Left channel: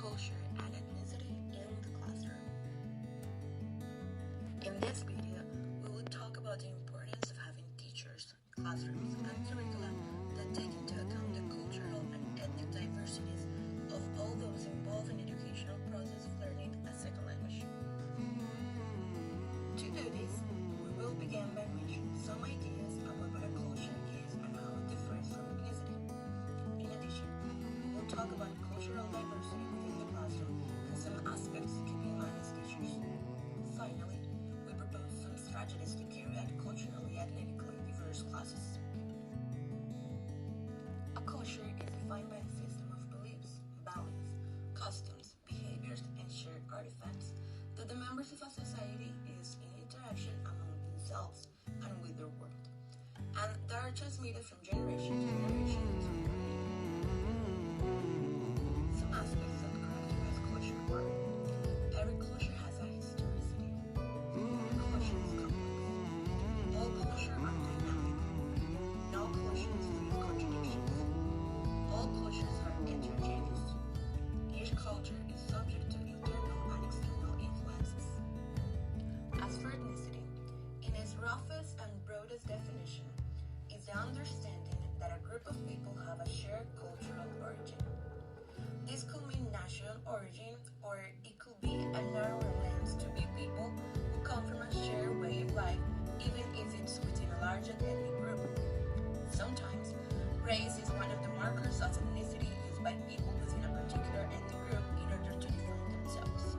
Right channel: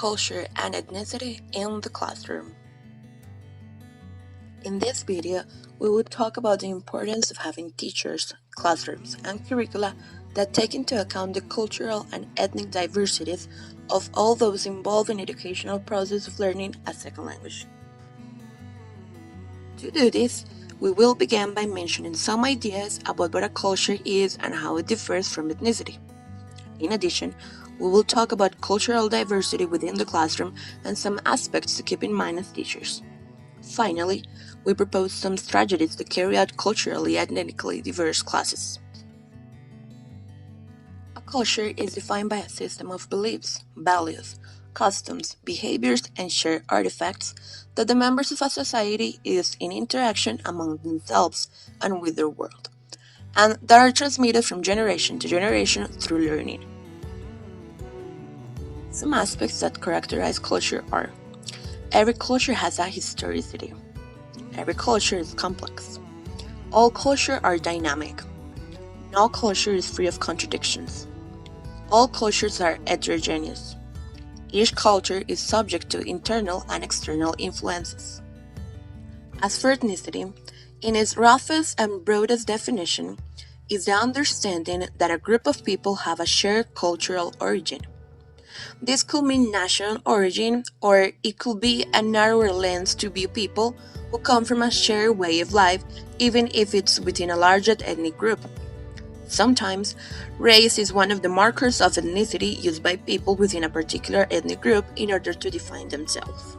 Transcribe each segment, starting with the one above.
culture, and ethnicity in the classroom. In this video, we will talk about the importance of having teachers, classrooms, and curricula that take into account the cultural and ethnic diversities of all those involved in educational process of learning a second language. To do this, we will begin by mentioning some ideas about what a culture is and how it differs from ethnicity. In addition, we will talk about cultural diversity within the classroom and some aspects to keep in mind as teachers. Finally, we propose some strategies to carry out culturally and ethnically diverse classes. A culture is defined by a system of beliefs, values, customs, behaviors, and shared artifacts that the members of a society use in interaction among themselves and with their world, and that are transmitted from generation to generation through learning. Some aspects that characterize culture are: every culture has a historicity. Every culture is complex. All cultures are dynamic. No culture is free of contradictions. All cultures are heterogeneous. Each culture is subject to internal and external influences. As for ethnicity, in its roughest and broadest definition, is the understanding that a group of people have a shared cultural origin. This could mean national origin, or it could be a narrower lens to view people who come from a shared way of life, even if it's within a larger ethnic group. Sometimes, race is one of the markers of ethnicity used by people within a particular ethnic group in order to define themselves.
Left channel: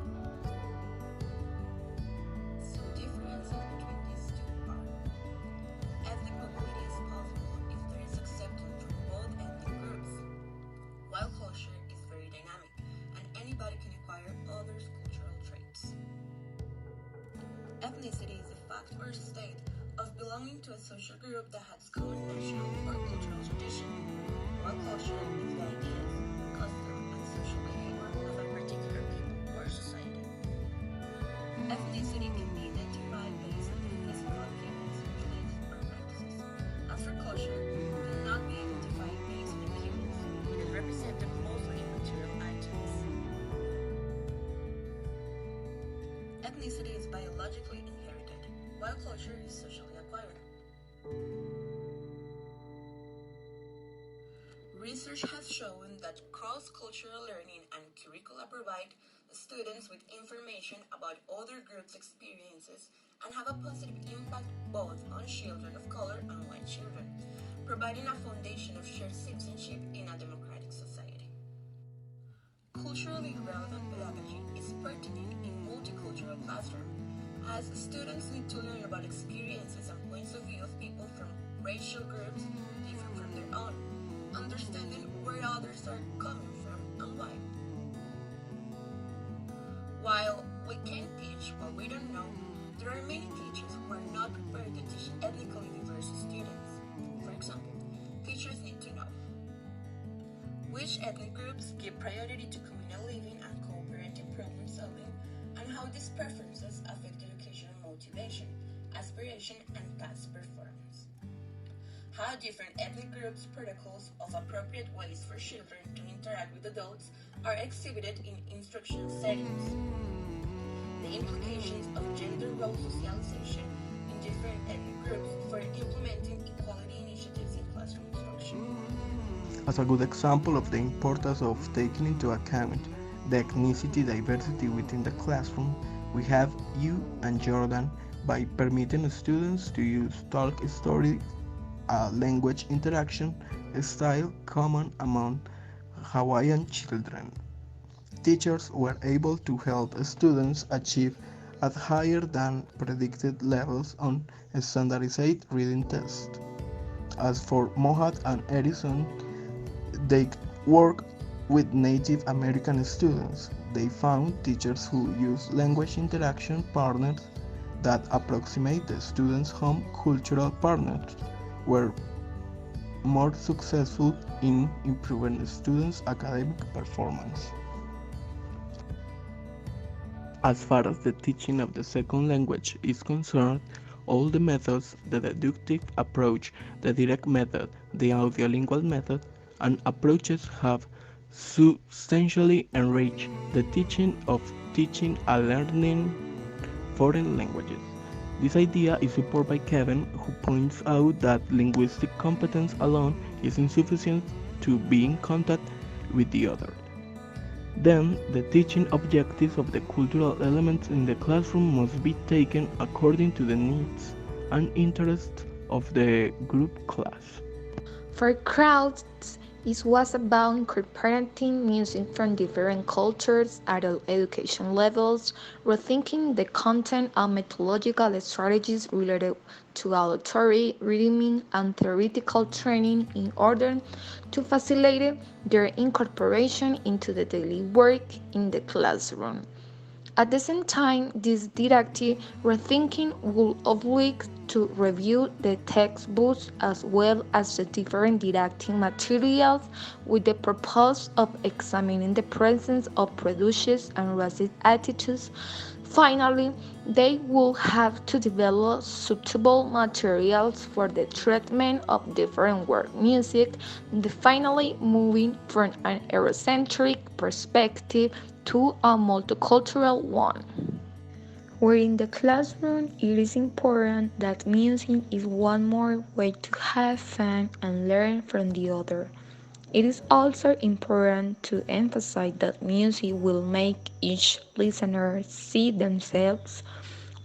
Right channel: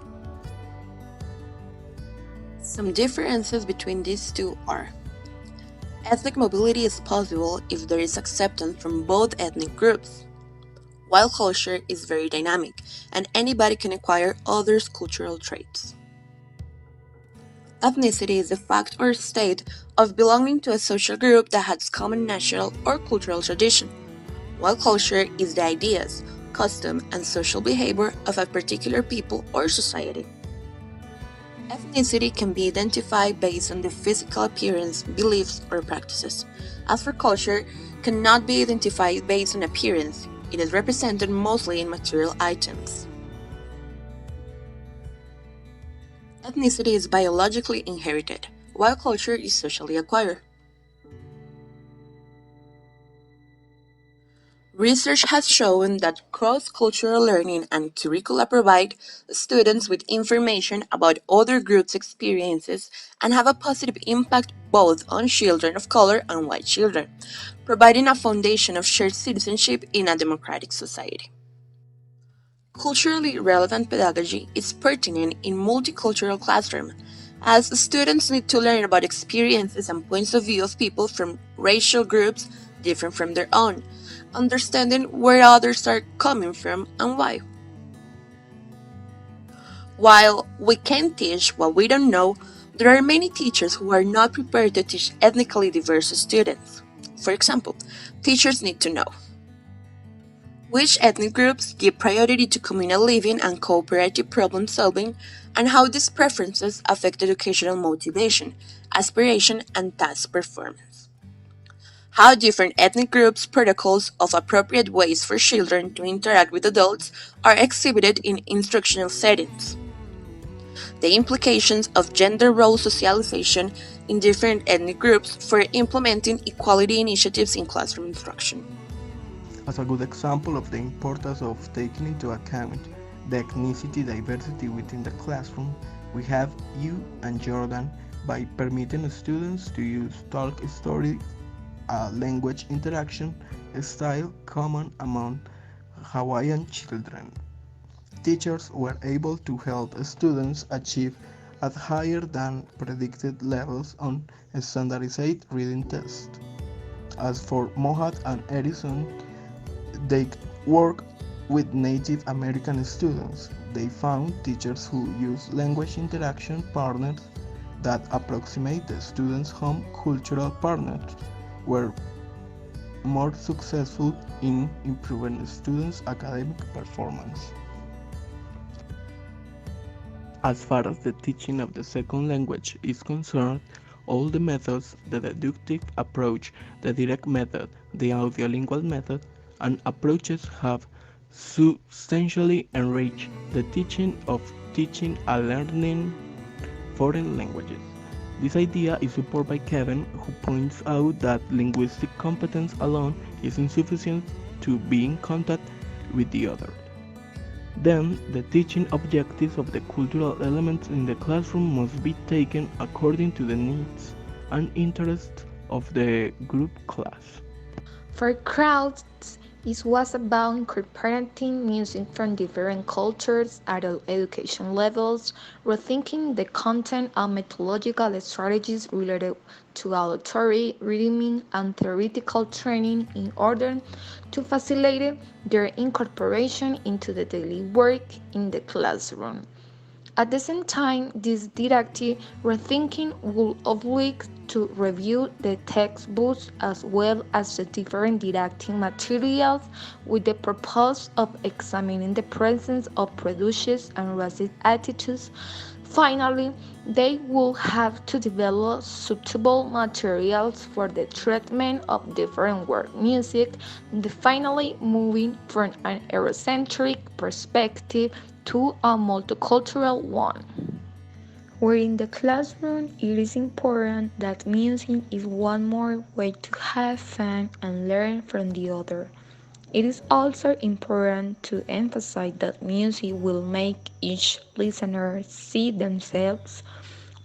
Some differences between these two are: ethnic mobility is possible if there is acceptance from both ethnic groups, while culture is very dynamic and anybody can acquire others' cultural traits. Ethnicity is the fact or state of belonging to a social group that has common national or cultural tradition, while culture is the ideas, custom, and social behavior of a particular people or society. Ethnicity can be identified based on the physical appearance, beliefs, or practices. As for culture, cannot be identified based on appearance. It is represented mostly in material items. Ethnicity is biologically inherited, while culture is socially acquired. Research has shown that cross-cultural learning and curricula provide students with information about other groups' experiences and have a positive impact both on children of color and white children, providing a foundation of shared citizenship in a democratic society. Culturally relevant pedagogy is pertinent in multicultural classrooms, as students need to learn about experiences and points of view of people from racial groups different from their own, understanding where others are coming from and why. While we can teach what we don't know, there are many teachers who are not prepared to teach ethnically diverse students. For example, teachers need to know which ethnic groups give priority to communal living and cooperative problem solving, and how these preferences affect educational motivation, aspiration, and task performance. How different ethnic groups' protocols of appropriate ways for children to interact with adults are exhibited in instructional settings. The implications of gender role socialization in different ethnic groups for implementing equality initiatives in classroom instruction. As a good example of the importance of taking into account the ethnicity diversity within the classroom, we have you and Jordan by permitting students to use talk story, a language interaction style common among Hawaiian children. Teachers were able to help students achieve at higher than predicted levels on standardized reading tests. As for Mohat and Edison, they work with Native American students. They found teachers who use language interaction partners that approximate the students' home cultural partners were more successful in improving students' academic performance. As far as the teaching of the second language is concerned, all the methods, the deductive approach, the direct method, the audiolingual method, and approaches have substantially enrich the teaching of teaching and learning foreign languages. This idea is supported by Kevin, who points out that linguistic competence alone is insufficient to be in contact with the other. Then, the teaching objectives of the cultural elements in the classroom must be taken according to the needs and interests of the group class. For crowds, it was about incorporating music from different cultures at all education levels, rethinking the content and methodological strategies related to auditory, rhythmic, and theoretical training in order to facilitate their incorporation into the daily work in the classroom. At the same time, this didactic rethinking will oblige to review the textbooks as well as the different didactic materials with the purpose of examining the presence of prejudices and racist attitudes. Finally, they will have to develop suitable materials for the treatment of different work music, finally moving from an Eurocentric perspective to a multicultural one. Where in the classroom, it is important that music is one more way to have fun and learn from the other. It is also important to emphasize that music will make each listener see themselves,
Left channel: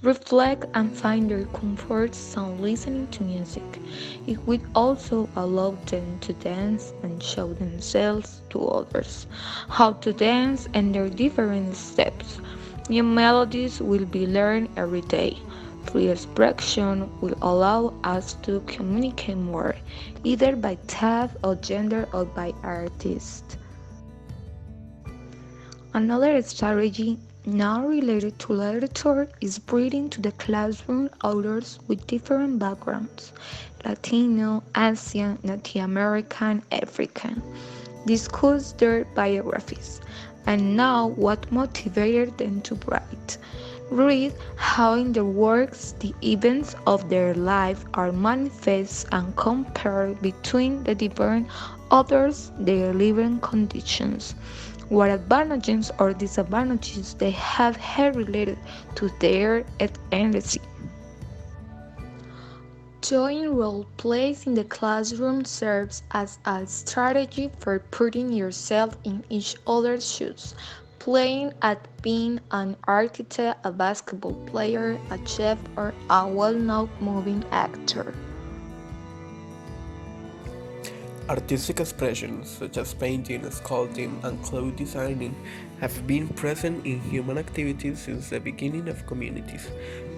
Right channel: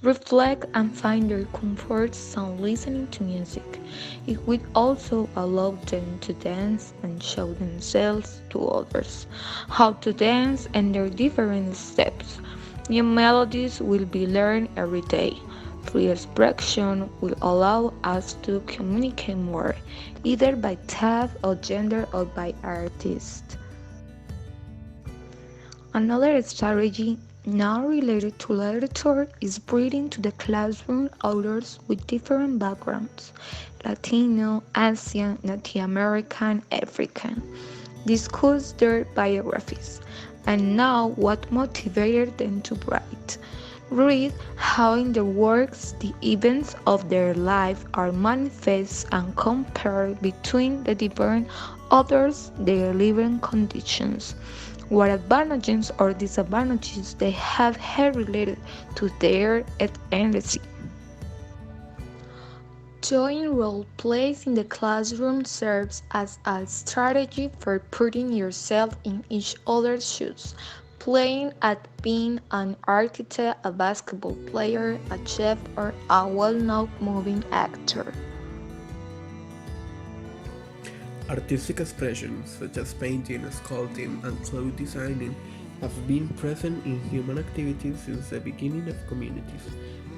reflect, and find their comfort zone listening to music. It will also allow them to dance and show themselves to others how to dance and their different steps. New melodies will be learned every day. Free expression will allow us to communicate more, either by type or gender or by artist. Another strategy now related to literature is bringing to the classroom authors with different backgrounds Latino, Asian, Native American, African. Discuss their biographies and know what motivated them to write. Read how in their works the events of their life are manifest and compare between the different authors their living conditions, what advantages or disadvantages they have had related to their ethnicity. Doing role plays in the classroom serves as a strategy for putting yourself in each other's shoes, playing at being an architect, a basketball player, a chef, or a well known moving actor. Artistic expressions such as painting, sculpting, and cloth designing have been present in human activities since the beginning of communities.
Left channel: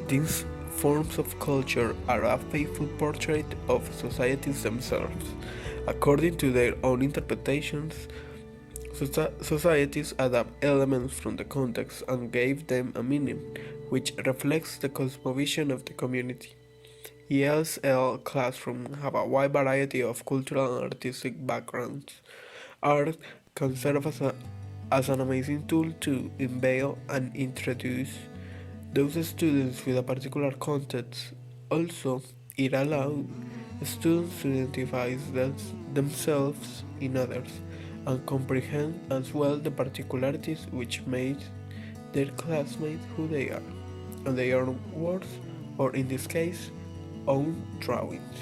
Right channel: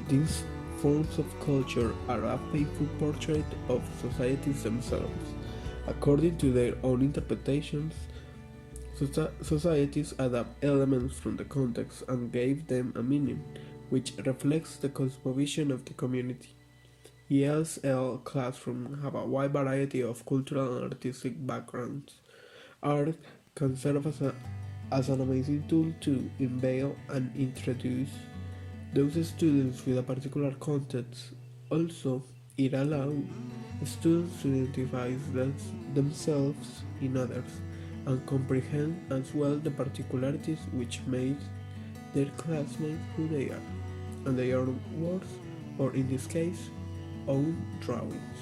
These forms of culture are a faithful portrait of societies themselves. According to their own interpretations, societies adapt elements from the context and gave them a meaning, which reflects the cosmovision of the community. ESL classrooms have a wide variety of cultural and artistic backgrounds. Art can serve as an amazing tool to unveil and introduce those students with a particular context. Also, it allows students to identify themselves in others and comprehend as well the particularities which make their classmates who they are, and their own words, or in this case, own drawings.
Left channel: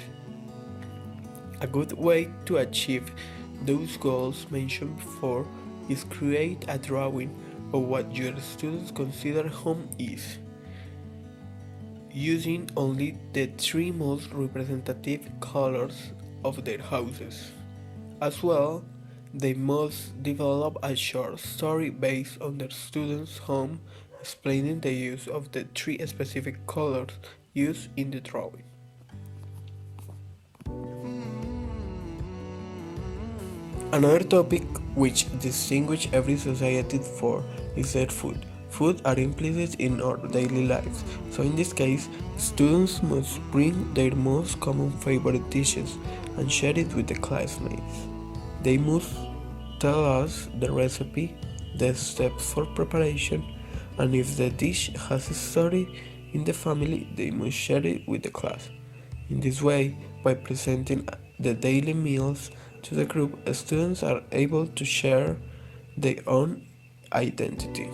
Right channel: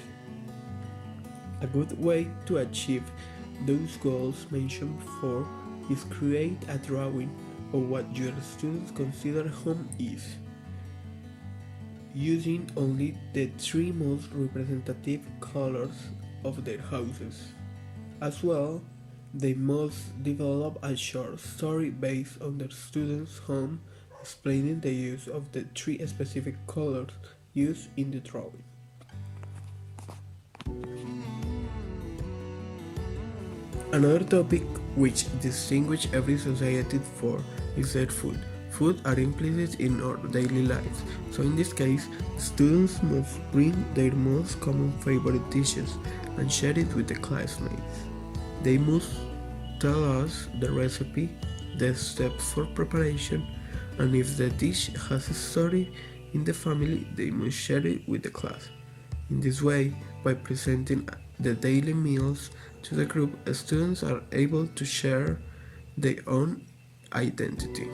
A good way to achieve those goals mentioned before is create a drawing of what your students consider home is, using only the three most representative colors of their houses. As well, they must develop a short story based on their students' home, explaining the use of the three specific colors used in the drawing. Another topic which distinguishes every society for is their food. Food are implicit in our daily life, so in this case, students must bring their most common favorite dishes and share it with the classmates. They must tell us the recipe, the steps for preparation, and if the dish has a story in the family, they must share it with the class. In this way, by presenting the daily meals to the group, students are able to share their own identity.